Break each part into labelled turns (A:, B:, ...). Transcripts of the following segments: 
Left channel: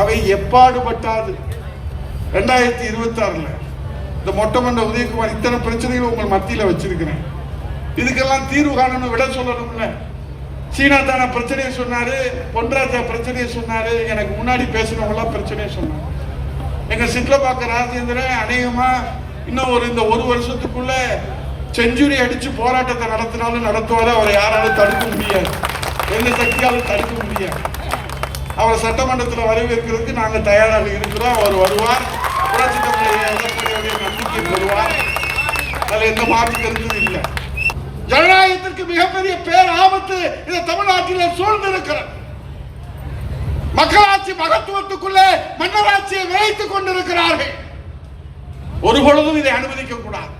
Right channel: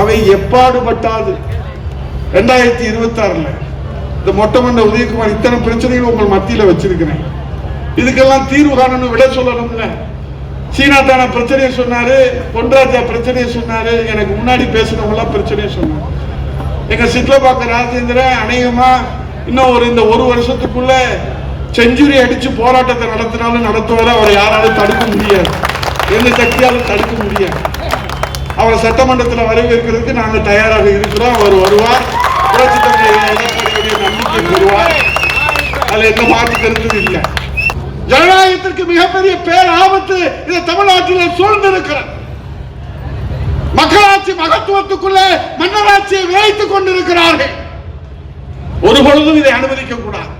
A: அவை எப்பாடுபட்டாது. ரெண்டாயிரத்தி இருபத்தி ஆறுல இந்த மொட்டை மண்ட உதயகுமார் இத்தனை பிரச்சனைகள் உங்கள் மத்தியில வச்சிருக்கிறேன். இதுக்கெல்லாம் தீர்வு காணணும் விட சொல்லணும்ல. சீனா தான பிரச்சனையை சொன்னாரு பொன்ராஜா பிரச்சனையை சொன்னாரு எனக்கு முன்னாடி பேசுனவங்க எல்லாம் பிரச்சனையை சொன்னாங்க. எங்க சிட்லபாக்க ராஜேந்திரன் அநேகமா இன்னும் ஒரு இந்த ஒரு வருஷத்துக்குள்ள செஞ்சுரி அடிச்சு போராட்டத்தை நடத்தினாலும் நடத்துவதை அவரை யாராலும் தடுக்க முடியாது. எந்த சக்தியாலும் தடுக்க முடியாது. அவரை சட்டமன்றத்தில் வரவேற்கிறதுக்கு நாங்கள் தயாராக இருக்கிறோம். அவர் வருவார். புரட்சி தலைவர் நம்பிக்கை பெறுவார் எந்த மாற்று கருத்து இல்லை. ஜனநாயகத்திற்கு மிகப்பெரிய பேர் ஆபத்து இந்த தமிழ்நாட்டிலே சூழ்ந்திருக்கிறது. மக்களாட்சி மகத்துவத்துக்குள்ள மன்னராட்சியை விளைத்துக் கொண்டிருக்கிறார்கள் ஒரு பொழுதும் இதை அனுமதிக்க கூடாது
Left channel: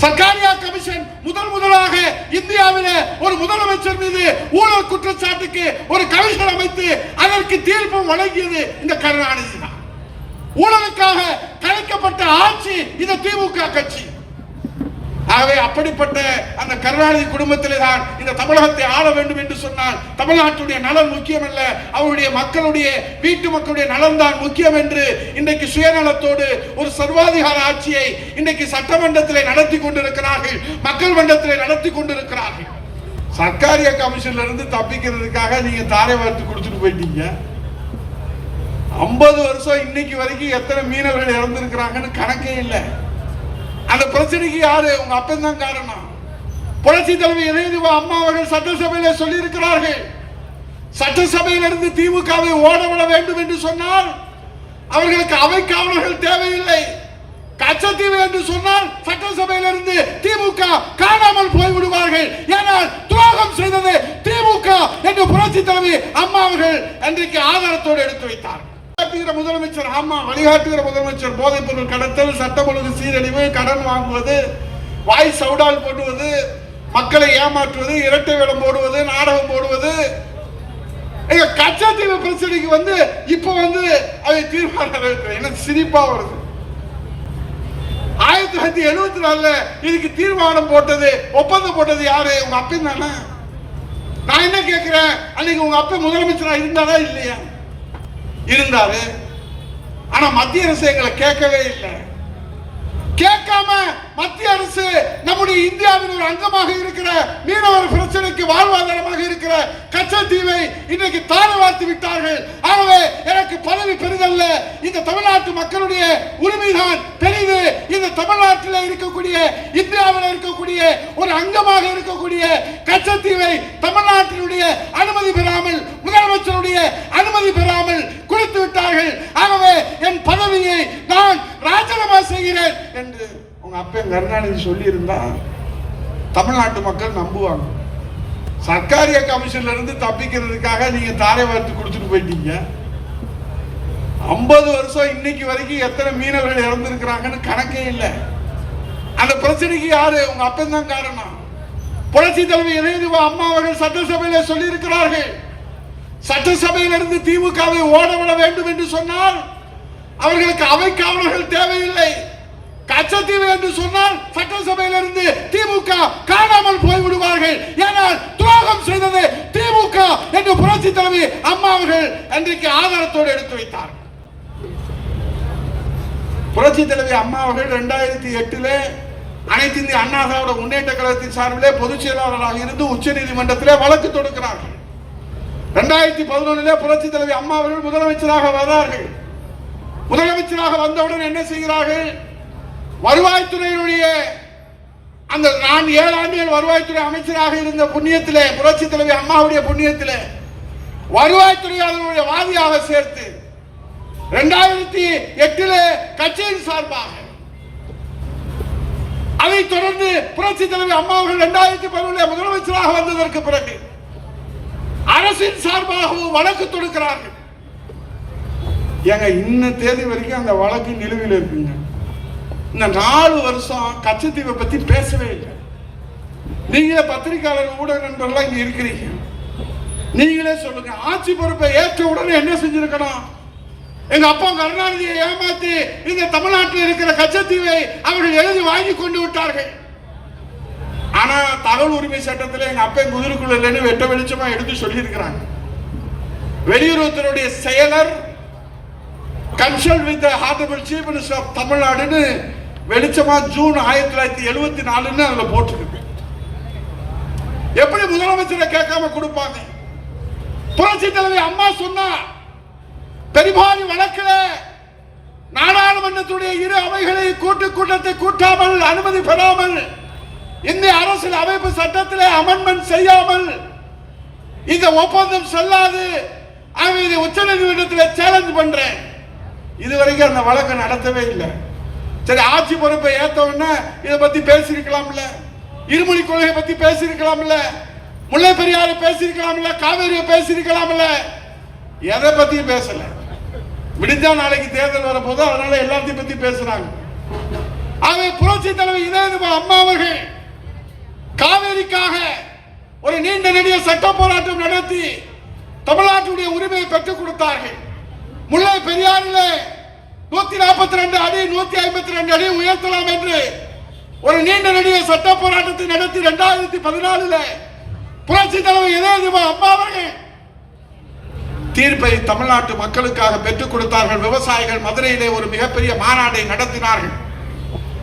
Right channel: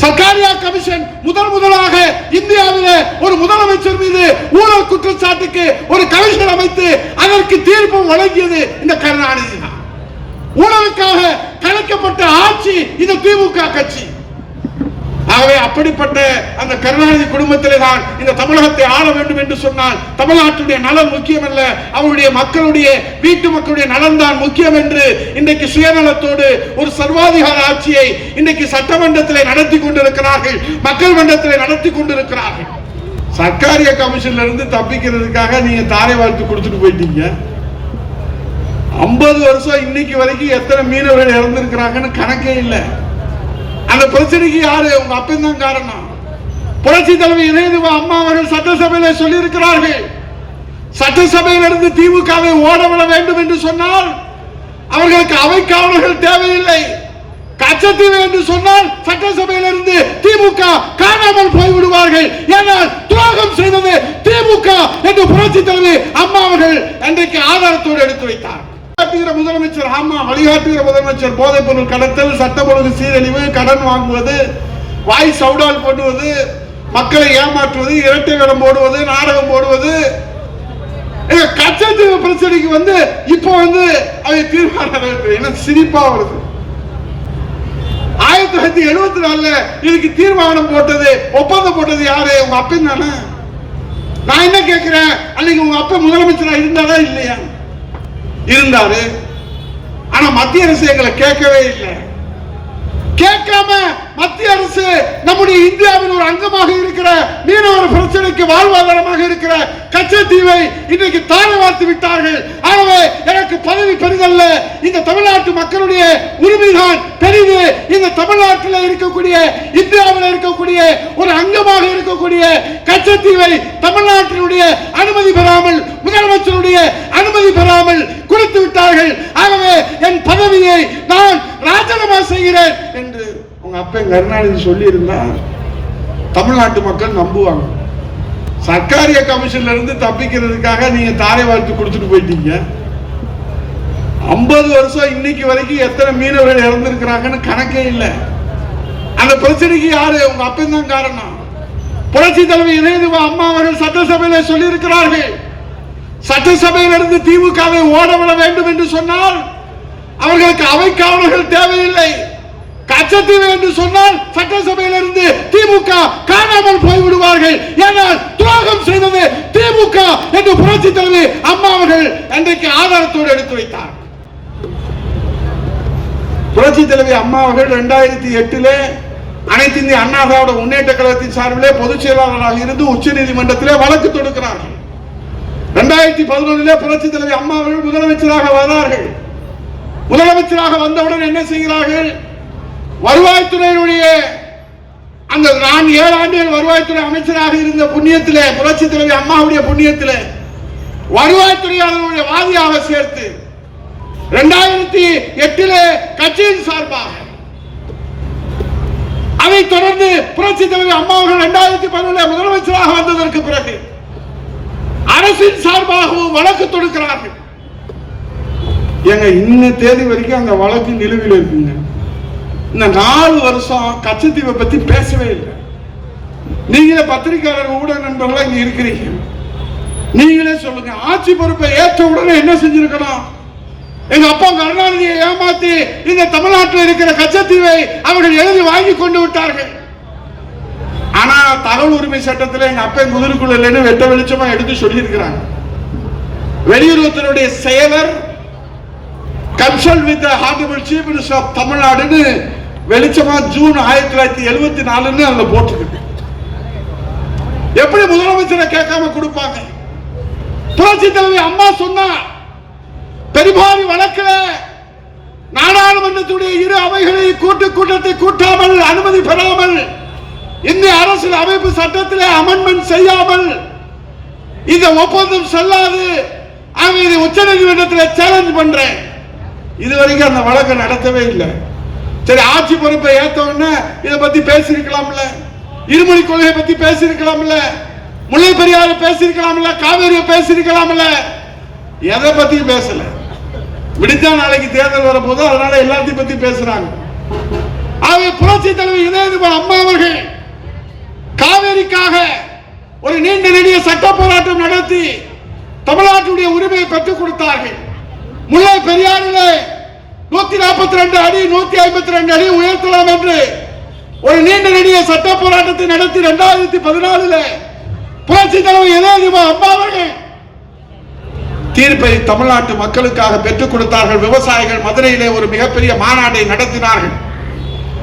A: சர்க்காரியா கமிஷன் முதல் முதலாக இந்தியாவில் ஒரு முதலமைச்சர் மீது ஊழல் குற்றச்சாட்டுக்கு ஒரு கமிஷன் அமைத்து அதற்கு தீர்ப்பு வழங்கியது இந்த கருணாநிதி தான். ஊழலுக்காக கலைக்கப்பட்ட ஆட்சி இந்த திமுக கட்சி. ஆகவே அப்படிப்பட்ட அந்த கருணாநிதி குடும்பத்திலே தான் இந்த தமிழகத்தை ஆள வேண்டும் என்று சொன்னால் தமிழ்நாட்டுடைய நலன் முக்கியம் அல்ல அவருடைய மக்களுடைய வீட்டு மக்களுடைய நலன் தான் முக்கியம் என்று இன்றைக்கு சுயநலத்தோடு ஒரு சர்வாதிகார ஆட்சியை இன்றைக்கு சட்டமன்றத்திலே நடத்தி கொண்டிருக்கிறார்கள் மக்கள் மன்றத்திலே நடத்தி கொண்டிருக்கிறார்கள். சர்க்காரிய கமிஷன்ல இருந்து தப்பிக்கிறதுக்காக நீங்க தாரை வாழ்த்து கொடுத்துட்டு போயிட்டீங்க. ஐம்பது வருஷம் இன்னைக்கு வரைக்கும் எத்தனை மீனவர்கள் இறந்திருக்கிறாங்கன்னு கணக்கே இல்லை. அந்த பிரச்சனைக்கு யாரு? உங்க அப்பன் தான் காரணம். புரட்சி தலைவர் இதயதிவா அம்மா அவர்கள் சட்டசபையில சொல்லி இருக்கிறார்கள் சட்டசபையிலிருந்து திமுகவை ஓடவிட வேண்டும் என்று சொன்னால் அவர்களுக்கு அவை காவலர்கள் தேவையில்லை. கச்சத்தீவு என்று சொன்னால் சட்டசபையிலிருந்து திமுக காணாமல் போய்விடுவார்கள். ஏனால் துரோகம் செய்தது திமுக என்று புரட்சி தலைவர் அம்மா அவர்கள் அன்றைக்கு ஆதாரத்தோடு எடுத்து வைத்தார். வழிகாட்டுகிற முதலமைச்சர் ஆமா வழிகாட்டுகிற முதலமைச்சர் போதைப் பொருள் கடத்தல் சட்டம் ஒழுங்கு சீரழிவு கடன் வாங்குவது வாய் சவுடால் போடுவது மக்களை ஏமாற்றுவது இரட்டை வேடம் போடுவது நாடகம் போடுவது. கச்சத்தீவு பிரச்சனைக்கு வந்து இப்போ வந்து அதை தீர்மானம் எனக்கு சிரிப்பா வருது. ஆயிரத்தி தொள்ளாயிரத்தி எழுபத்தி நாலுல இதுக்கு தீர்மானம் போட்டது ஒப்பந்தம் போட்டது யாரு? உங்க அப்பன் தானே. நான் என்ன கேட்கிறேன் அன்னைக்கு உங்க அப்பா முதலமைச்சரா இருந்தாரா இல்லையா? இருந்தாரு. ஆனா மத்திய அரசு எங்களை கேட்கவே இல்லை. கேட்காம மத்திய அரசு நம்முடைய இந்தியாவின் ஒரு அங்கமாக இருக்கிற மீனவர் பிரச்சனைக்கு வாழ்வாதாரமாக இருக்கிற கச்சத்தீவை இன்றைக்கு தாரை வார்த்து விட்டார்கள். ஆகவே எனக்கு பதவி பெரிதல்ல இந்த தமிழ்நாட்டு மக்களுடைய உரிமைதான் பெரிது. இந்த தமிழ்நாட்டில் இருக்கக்கூடிய இந்தியாவில் இருக்கக்கூடிய ஒரு அங்கமாக இருக்கக்கூடிய கச்சத்தீவை தமிழ்நாட்டினுடைய அனுமதி பெறாமல் முதலமைச்சருடைய அனுமதி பெறாமல் கொடுத்து விட்டார்கள் ஆகவே என் பதவியை நான் ராஜினாமா செய்கிறேன் என்று உங்க அப்பன் கருணாநிதி சொல்லி இருந்தா தமிழ்நாட்டு மக்கள் நம்புவாங்க. சர்க்காரிய கமிஷன்ல இருந்து தப்பிக்கிறதுக்காக நீங்க தாரை வாழ்த்து கொடுத்துட்டு போயிட்டீங்க. ஐம்பது வருஷம் இன்னைக்கு வரைக்கும் எத்தனை மீனவர்கள் இறந்துருக்கிறாங்கன்னு கணக்கே இல்லை. அந்த பிரச்சனைக்கு யாரு? உங்க அப்பன் தான் காரணம். புரட்சி தலைவர் இதயதிவா அம்மா அவர்கள் சட்டசபையில சொல்லி இருக்கிறார்கள் சட்டசபையிலிருந்து திமுகவை ஓடவிட வேண்டும் என்று சொன்னால் அவர்களுக்கு அவை காவலர்கள் தேவையில்லை. கச்சத்தீவு என்று சொன்னால் சட்டசபையிலிருந்து திமுக காணாமல் போய்விடுவார்கள். ஏனால் துரோகம் செய்தது திமுக என்று புரட்சி தலைவி அம்மா அவர்கள் அன்றைக்கு ஆதாரத்தோடு எடுத்து வைத்தார். புரட்சி தலைவி அம்மா அவர்கள் இரண்டாயிரத்தி எட்டிலே அனைத்து இந்திய அண்ணா திராவிட முன்னேற்ற கழகத்தின் சார்பிலே பொதுச் செயலாளராக இருந்து உச்ச நீதிமன்றத்திலே வழக்கு தொடுக்கிறார்கள். இரண்டாயிரத்தி பதினொன்னிலே புரட்சி தலைவி அம்மா அவர்கள் முதலமைச்சராக வரார்கள் முதலமைச்சராக வந்தவுடன் என்ன செய்கிறார்கள்? வருவாய்த்துறையினுடைய அந்த நான் ஏழு ஆண்டுகள் வருவாய்த்துறை அமைச்சராக இருந்த புண்ணியத்திலே புரட்சி தலைவி அம்மாவுடைய புண்ணியத்திலே வருவாய்த்துறையாளர்களுடைய வாதியாக சேர்த்து இரண்டாயிரத்தி எட்டிலே கட்சியின் சார்பாக அதைத் தொடர்ந்து புரட்சி தலைவி அம்மா அவர்கள் இரண்டாயிரத்தி பதினொன்றில் முதலமைச்சராக வந்ததற்கு பிறகு அரசின் சார்பாகவும் வழக்கு தொடுக்கிறார்கள். ஏங்க இன்ன தேதி வரைக்கும் அந்த வழக்கு நிலுவையில் இருக்குங்க. இந்த நாலு வருஷம் கச்சத்தீவை பத்தி பேசவே இல்லை. நீங்களே பத்திரிகையாளர் ஊடக நண்பர்களா இங்க இருக்கிறீங்க. நீங்களே சொல்லுங்க. ஆட்சி பொறுப்பை ஏற்ற உடனே என்ன செஞ்சிருக்கணும்? எங்க அப்பா கருணாநிதியை ஏமாத்தி இந்த தமிழ்நாட்டில் இருக்கிற கச்சத்தீவை அவர்கள் எழுதி வாங்கி கொண்டு விட்டார்கள். ஆனா தகவல் உரிமை சட்டத்தில் எங்க அப்பா முதிர்குள்ள வெட்ட வெளிச்சமா எடுத்து சொல்லியிருக்கிறாங்க. வெளியுறவுத்துறையுடைய செயலர் consult with honourable chief minister of தமிழ்நாடுன்னு வெளிச்சமா ஜூன் ஆயிரத்தி தொள்ளாயிரத்தி எழுபத்தி நாலுன்னு அதுல போட்டிருக்கு. எப்படி முதலமைச்சரை கேட்காம கொடுப்பாங்க? புரட்சி தலைவி அம்மா சொன்னா பெரும்பாலும் வழக்கில் நாடாளுமன்றத்துடைய இரு அவைகளை கூட்டு கூட்டத்தை கூட்டாமல் அனுமதி பெறாமல் இந்திய அரசியல் அமைப்பு சட்டத்திலே அமெண்ட்மெண்ட் செய்யாமல் இந்த ஒப்பந்தம் செல்லாது ஆக இதை உச்ச நீதிமன்றத்தில் சேலஞ்ச் பண்றேன். இதுவரைக்கும் அந்த வழக்கை நடத்தவே இல்லை. சரி ஆட்சி பொறுப்பை ஏத்த உடனே இதை பத்தி பேசியிருக்கலாம்ல? இருமொழி கொள்கையை பத்தி பேசியிருக்கலாம்ல? முல்லை பெரியாறு பேசியிருக்கலாம்ல? காவேரியை பேசியிருக்கலாம்ல? எதை பத்தியும் பேசல. விடிஞ்சா நாளைக்கு தேர்தல் வரப்போது அதனால எல்லாத்தையும் பத்தி பேசுறாங்க. ஆகவே புரட்சி தலைவர் இதயதுபா அம்மா அவர்கள் காவேரிக்காக ஒரு நீண்ட நெடிய சட்ட போராட்டம் நடத்தி தமிழ்நாட்டுடைய உரிமையை பெற்றுக் கொடுத்தார்கள். முல்லை பெரியாரிலே நூத்தி நாற்பத்தி ரெண்டு அடி நூத்தி ஐம்பத்தி ரெண்டு அடி உயர்த்தலாம் என்று ஒரு நீண்ட நெடிய சட்ட போராட்டத்தை நடத்தி இரண்டாயிரத்தி பதினாலுல புரட்சி தலைவர் இதயதுபா அம்மா அவர்கள் தீர்ப்பை தமிழ்நாட்டு மக்களுக்காக பெற்றுக் கொடுத்தார்கள். விவசாயிகள் மதுரையிலே ஒரு மிகப்பெரிய மாநாட்டை நடத்தினார்கள்.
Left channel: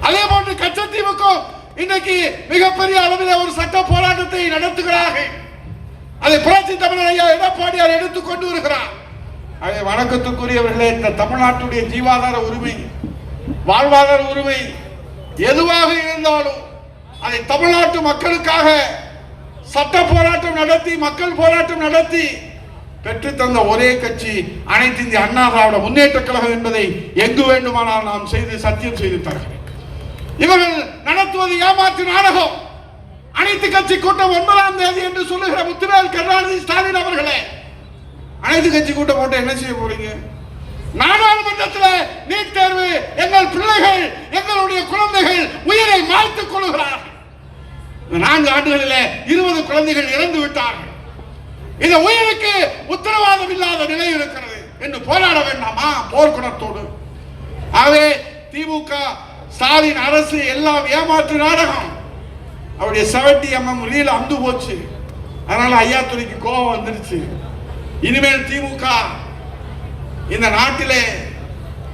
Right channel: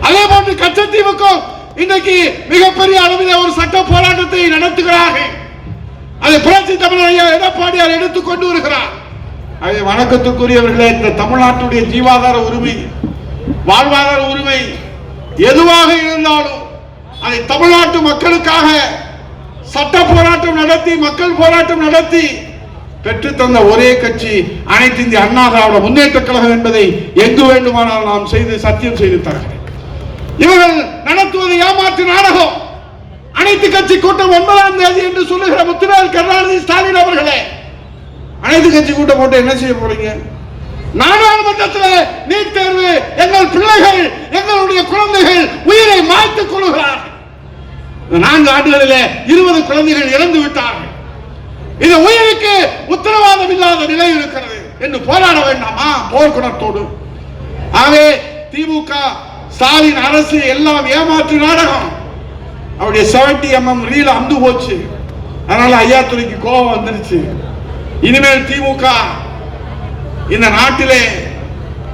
A: அதே போன்று கச்சத்தீவுக்கும் இன்றைக்கு மிகப்பெரிய அளவில் ஒரு சட்ட போராட்டத்தை நடத்துகிறார்கள். அதை புரட்சி தமிழர் ஐயா எடப்பாடியார் எடுத்துக் கொண்டு வருகிறார். அதை வணக்கத்துக்குரியவர்களே இந்த தமிழ்நாட்டுடைய ஜீவாதார உரிமை வாழ்வாதார உரிமை எதுவாக இருந்தாலும் அதை தமிழ்நாட்டு மக்களுக்காக சட்ட போராட்டம் நடத்தி மக்கள் போராட்டம் நடத்தி பெற்று தந்த ஒரே கட்சி அனைத்து இந்திய அண்ணா திராவிட முன்னேற்ற கழகம் என்பதை எங்கு வேண்டுமானால் நாம் செய்து சத்தியம் செய்து தருகிறேன் இவர்கள் நடத்துவது ஏமாற்று நாடகம். அனைத்து கட்சி கூட்டம் ஒன்பதாம் தேதி என்று சொல்லுகிற முத்துவேல் கருணாநிதி ஸ்டாலின் அவர்களே அனைத்து கட்சி கூட்டம் போட்டு என்ன செய்ய போறீங்க? நாடாளுமன்றத்தில் நீட் தேர்வு எங்கள் பிள்ளைகள் எங்களுடைய குழந்தைகள் உயிரை மாய்த்துக் கொள்கிறார்கள் நான்கு ஆண்டுகளில் இருபது குழந்தைகள் இறந்து விட்டார்கள். இது உயிருக்கு உத்தரவாதம் இல்லாத நிலை இருக்கிறது என்று போராட வேண்டாமா? போர்க்குணத்தோடு. ஆகவே திமுக ஸ்டாலின் அரசு எல்லாம் ஏமாற்று நாடகம். அவருடைய செவன்டி எம்எம் ரீல் அந்து போச்சு. அதனால ஐயா துறைக்கு கோபம் வந்துருச்சு. இனிமேல் திமுக இந்த நாட்டிலே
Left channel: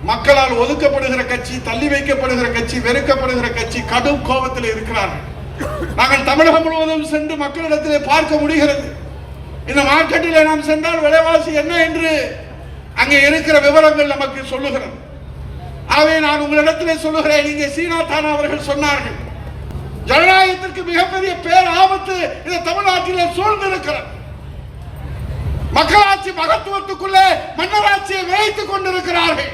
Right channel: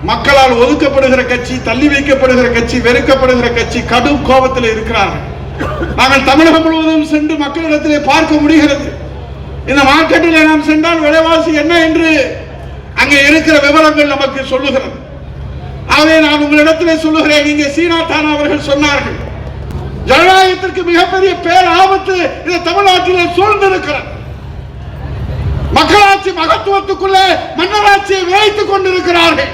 A: மக்களால் ஒதுக்கப்படுகிற கட்சி தள்ளி வைக்கப்படுகிற கட்சி வெறுக்கப்படுகிற கட்சி கடும் கோபத்தில் இருக்கிறார்கள். நாங்கள் தமிழகம் முழுவதும் சென்று மக்களிடத்திலே பார்க்க முடிகிறது. இந்த மார்க்கெட்டில் நாம் சென்றால் விலைவாசி என்ன என்று அங்கே இருக்கிற விவரங்கள் நமக்கு சொல்லுகிறது. ஆகவே நான் உங்களிடத்திலே சொல்லுகிறேன். இங்கே சீனாத்தான் அவர்கள் சொன்னார்கள். ஜனநாயகத்திற்கு மிகப்பெரிய பேர் ஆபத்து இந்த தமிழ்நாட்டிலே சூழ்ந்திருக்கிறது. மக்களாட்சி மகத்துவத்துக்குள்ளே மன்னராட்சியை விளைத்துக் கொண்டிருக்கிறார்கள்.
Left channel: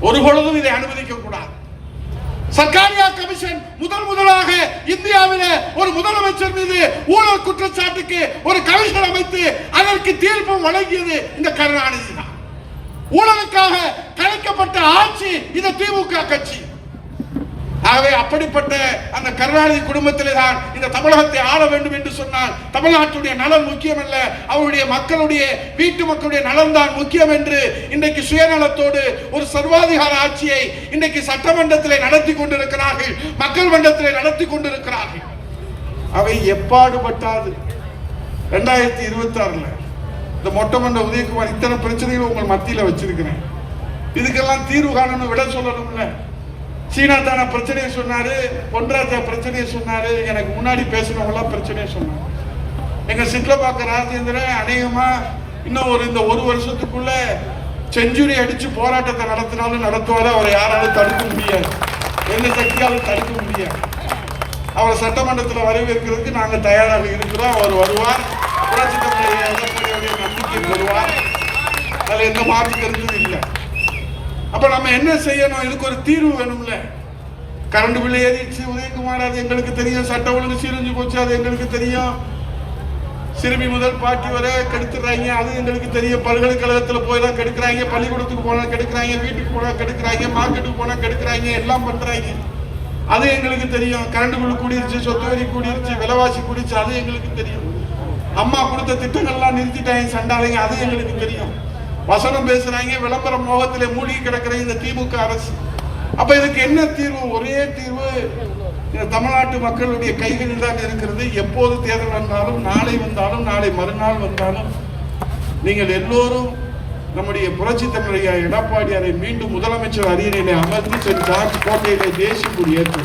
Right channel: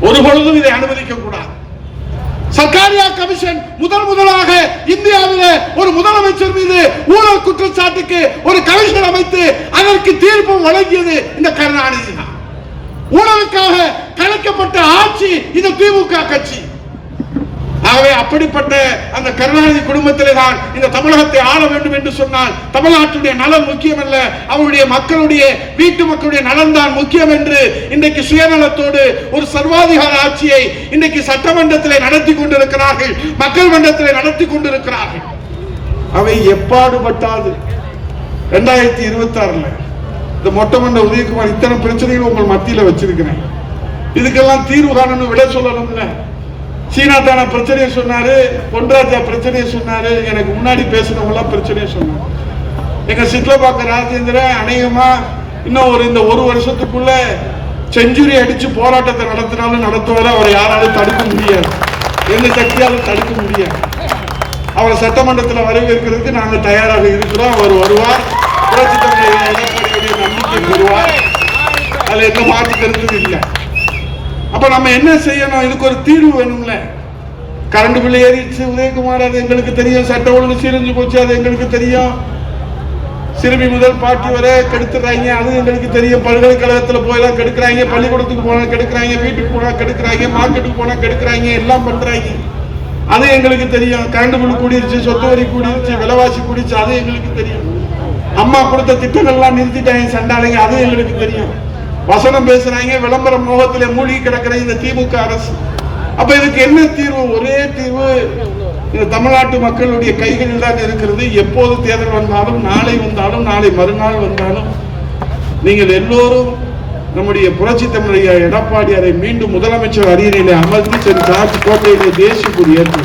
A: ஒரு பொழுதும் இதை அனுமதிக்க கூடாது. சர்க்காரியா கமிஷன் முதல் முதலாக இந்தியாவிலே ஒரு முதலமைச்சர் மீது ஊழல் குற்றச்சாட்டுக்கு ஒரு கமிஷன் அமைத்து அதற்கு தீர்ப்பு வழங்கியது இந்த கருணாநிதி ஊழலுக்காக கலைக்கப்பட்ட ஆட்சி இந்த திமுக கட்சி. ஆகவே அப்படிப்பட்ட அந்த கருணாநிதி குடும்பத்திலே தான் இந்த தமிழகத்தை ஆள வேண்டும் என்று சொன்னால் தமிழ்நாட்டுடைய நலன் முக்கியம் அல்ல அவருடைய மக்களுடைய வீட்டு மக்களுடைய நலன் தான் முக்கியம் என்று இன்றைக்கு சுயநலத்தோடு ஒரு சர்வாதிகார ஆட்சியை இன்றைக்கு சட்டமன்றத்திலே நடத்தி கொண்டிருக்கிறார்கள் மக்கள் மன்றத்திலே நடத்தி கொண்டிருக்கிறார்கள். அவை எப்பாடுபட்டாது? ரெண்டாயிரத்தி இருபத்தி ஆறுல இந்த மொட்டை மண்ட உதயகுமார் இத்தனை பிரச்சனைகள் உங்கள் மத்தியில் வச்சிருக்கிறேன். இதுக்கெல்லாம் தீர்வு காணணும் விட சொல்லணும்ல. சீனா தான பிரச்சனையை சொன்னாரு பொன்ராஜா பிரச்சனையை சொன்னாரு எனக்கு முன்னாடி பேசுனவங்களாம் பிரச்சனையை சொன்னாங்க. எங்க சிட்லபாக்க ராஜேந்திரன் அநேகமா இன்னும் ஒரு இந்த ஒரு வருஷத்துக்குள்ள செஞ்சுரி அடிச்சு போராட்டத்தை நடத்தினாலும் நடத்துவதை அவரை யாராலும் தடுக்க முடியாது. எந்த சக்தியாலும் தடுக்க முடியாது. அவரை சட்டமன்றத்தில் வரவேற்கிறதுக்கு நாங்கள் தயாராக இருக்கிறோம். அவர் வருவார். புரட்சி தலைவர் எடப்பாடியுடைய நம்பிக்கை பெறுவார் அதுல எந்த மாற்று கருத்து இல்லை அப்போ நம்ம என்ன செய்யணும் இதுக்கு ஒரு தீர்வு வேணும்ல கரண்ட் பில் ஏறிடுச்சு உதயகுமார் அது எங்களுக்கு தெரியும். சட்ட ஒழுங்கு சீரஞ்சு போச்சு அது எங்களுக்கு தெரியும் சிறுமி முதல் பாட்டி வரை கெடுத்துறாங்க அது எங்களுக்கு தெரியும் பல்கலைக்கழகத்தில் போயெல்லாம் கெடுக்கிறாங்க பள்ளிக்கூடத்துக்கு போனால் கெடுக்கிறாங்க வீட்டுக்கு போனால் கெடுக்கிறாங்க மார்க்கெட்டுக்கு போனால் கெடுக்கிறாங்க எல்லாம் பண்ணுறாங்க அது எங்களுக்கு தெரியும் கரண்ட் பில் கூடிருச்சு சொத்து வரி கூடிருச்சு விலைவாசி கூடிருச்சு அது எங்களுக்கு தெரியும். அம்மா கொடுத்த திட்டங்கள்லாம் நிறுத்திட்டாங்க சண்டாளிங்க அது எங்களுக்கு தெரியும். வசனம் பேசுறாங்க விளம்பர மோகத்திலே மூழ்கி கிடக்கிற இந்த திமுக அரசு. அப்ப இதுக்கு என்ன தீர்வு? ஒரே தீர்வு இந்த தமிழ்நாட்டு மக்களுடைய கைகளில் தான் இருக்கிறது. எப்போது தேர்தல் வந்தாலும் நாளை வந்தாலும் நாளை மறுநாள் வந்தாலும் நீங்கள் எல்லோரும் நம்முடைய புரட்சி தமிழைய எடப்பாடியாரை மீண்டும் முதலமைச்சர் அரியணையிலே அமர்ந்து சென்று காட்சி கோட்டையிலே தேசிய கொடி ஏற்று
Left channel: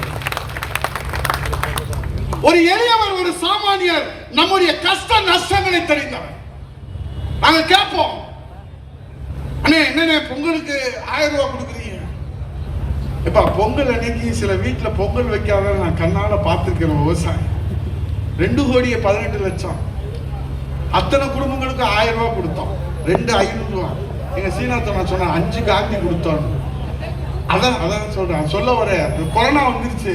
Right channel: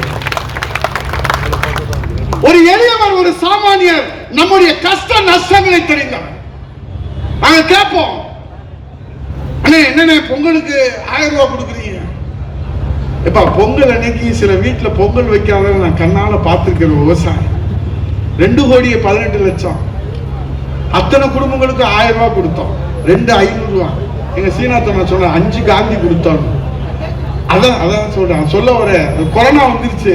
A: ஒரு எளியவர் ஒரு சாமானியர் நம்முடைய கஷ்ட நஷ்டங்களை தெரிந்தவர் நாங்க கேட்போம். அண்ணே என்னண்ணே பொங்கலுக்கு ஆயிரம் ரூபாய் கொடுக்குறீங்க? இப்ப பொங்கல் அன்னைக்கு சில வீட்டுல பொங்கல் வைக்காத நான் கண்ணால பார்த்திருக்கிறேன் விவசாயி ரெண்டு கோடியே பதினெட்டு லட்சம். அத்தனை குடும்பங்களுக்கு ஆயிரம் ரூபாய் கொடுத்தோம். ரெண்டு ஐநூறு ரூபா எங்க சீனாத்தை நான் சொன்னேன் அஞ்சு காந்தி கொடுத்தோம். அதான் அதான் சொல்றேன். சொல்ல வர கொரோனா வந்துருச்சு.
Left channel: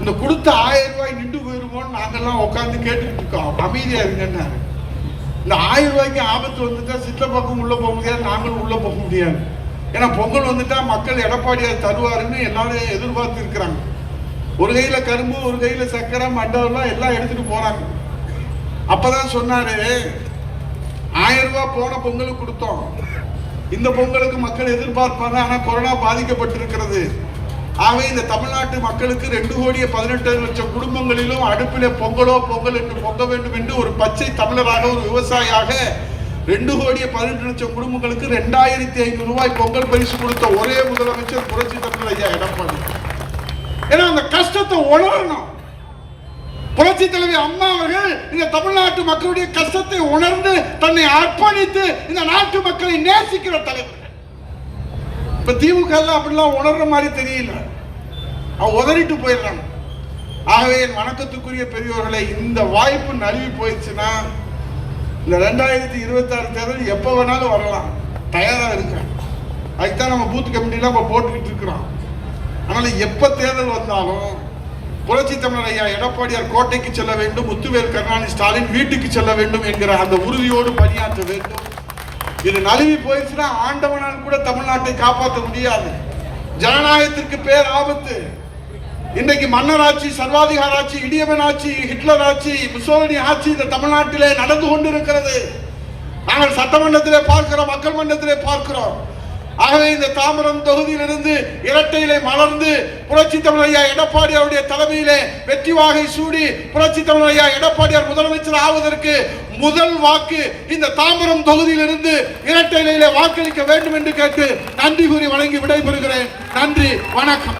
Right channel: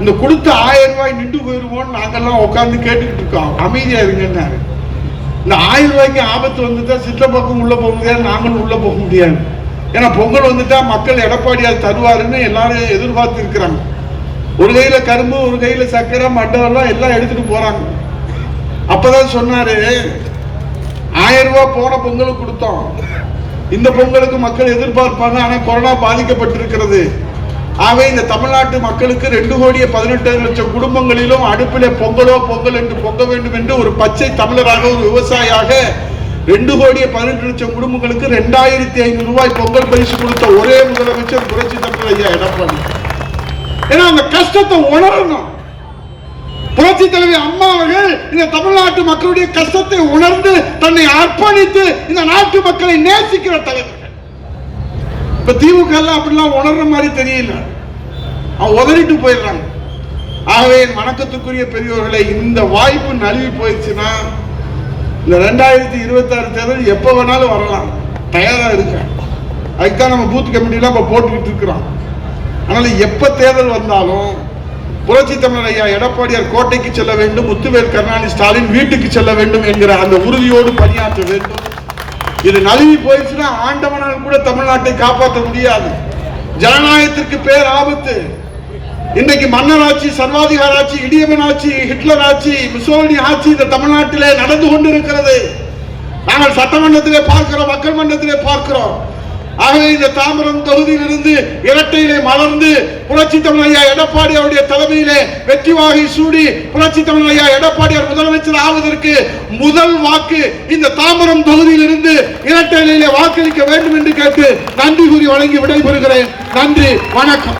A: இந்த கொடுத்த ஆயிரம் ரூபாய் நின்று போயிருவோம்னு நாங்கெல்லாம் உட்காந்து கேட்டுக்கிட்டு இருக்கோம். அமைதியா இருங்கன்னாரு. இந்த ஆயிரம் ரூபாய்க்கு ஆபத்து வந்துட்டா சிற்றப்பக்கம் உள்ள போக முடியாது நாங்களும் உள்ள போக முடியாது. ஏன்னா பொங்கல் வந்துட்டா மக்கள் எடப்பாடியார் தருவாருன்னு எல்லாரும் எதிர்பார்த்து இருக்கிறாங்க ஒரு கையில கரும்பு ஒரு கையில சக்கரை மண்டவெல்லாம் எல்லாம் எடுத்துட்டு போறாங்க. அப்பதான் சொன்னாரு ஆயிரம் ரூபாய் போன பொங்கலுக்கு கொடுத்தோம். இந்த பொங்கலுக்கு மக்கள் எதிர்பார்ப்பாங்க ஆனா கொரோனா பாதிக்கப்பட்டிருக்கிறது. ஆகவே இந்த தமிழ்நாட்டு மக்களுக்கு ரெண்டு கோடியே பதினெட்டு லட்சம் குடும்பங்களிலும் அடுப்பிலே பொங்கலோ பொங்கல் என்று பொங்க வேண்டும் என்று ஒரு பச்சை தமிழராக ஒரு விவசாயியாக ரெண்டு கோடியே பதினெட்டு லட்சம் குடும்பங்களுக்கு ரெண்டாயிரத்தி ஐநூறு ரூபாய் பொங்கல் பரிசு கொடுத்த ஒரே முதலமைச்சர் புரட்சி தமிழ் ஐயா எடப்பாடி. ஏன்னா அந்த கஷ்டத்தை உணரணும். புரட்சி தலைவி அம்மா அவர்கள் இந்த தமிழ்நாட்டு மக்களுடைய கஷ்டத்தை உணர்ந்து தன்னை அர்ப்பணித்து இந்த நாட்டு மக்களை நேசிக்கிற தலைவர் இப்ப திமுக எல்லாம் அப்படிலாம் உணர்ற மாதிரி தெரியல. அவன் உதறிட்டு போயிடுறாங்க ஆகவே என் வணக்கத்துக்குரிய பெரியவர்களை இந்த வாய்ப்பு நழுவி போயிடுச்சுன்னா இந்த ரெண்டாயிரத்தி இருபத்தாறு தேர்தல் எப்போ வேணாலும் வரலாம். தயாராக இருக்கேன் அதுக்குதான் நம்ம பூத் கமிட்டிலாம் இப்போ போட்டுக்கிட்டு இருக்கிறோம். அதனால் எப்போ தேர்தல் வந்தாலும் புரட்சி தமிழர் ஐயா எடப்பாடியார் கோட்டைக்கு செல்ல வேண்டும் முத்துவேல் கருணாநிதி ஸ்டாலின் வீட்டுக்கு செல்ல வேண்டும் என்கிற அந்த உறுதியோடு பணியாற்ற வேண்டும். இது நழுவி போயிடுச்சுன்னா ஆண்டவனால் கூட தமிழ்நாட்டை காப்பாற்ற முடியாது. ஜனநாயகத்திற்கு பேர் ஆபத்து. இன்றைக்கு மன்னர் ஆட்சி சர்வாதிகார ஆட்சி இடியவன் ஆட்சி ஹிட்லர் ஆட்சி முசோலினி ஆட்சி இந்த தமிழ்நாட்டிலே நடந்து கொண்டிருக்கிறது. நாங்கள் சட்டமன்றத்திலே பார்க்கிறோம் மக்கள் மன்றத்திலே பார்க்கிறோம். ஆகவே இந்த தாமரம் தொகுதியிலிருந்து இரட்டையிலே மலர்ந்து புரட்சி தமிழையா எடப்பாடி அவருடைய தலைமையிலே வெற்றி வாகை சூடி புரட்சி தமிழையா எடப்பாடியார் முதலமைச்சர் ஆவதற்கு முதல் வாக்கு இந்த தாமரம் தொகுதியிலிருந்து இரட்டையிலே வாக்களிக்க வேண்டும் என்று கேட்டு நன்றி கூறி வழங்கி விடைபெறுகிறேன். நன்றி வணக்கம்.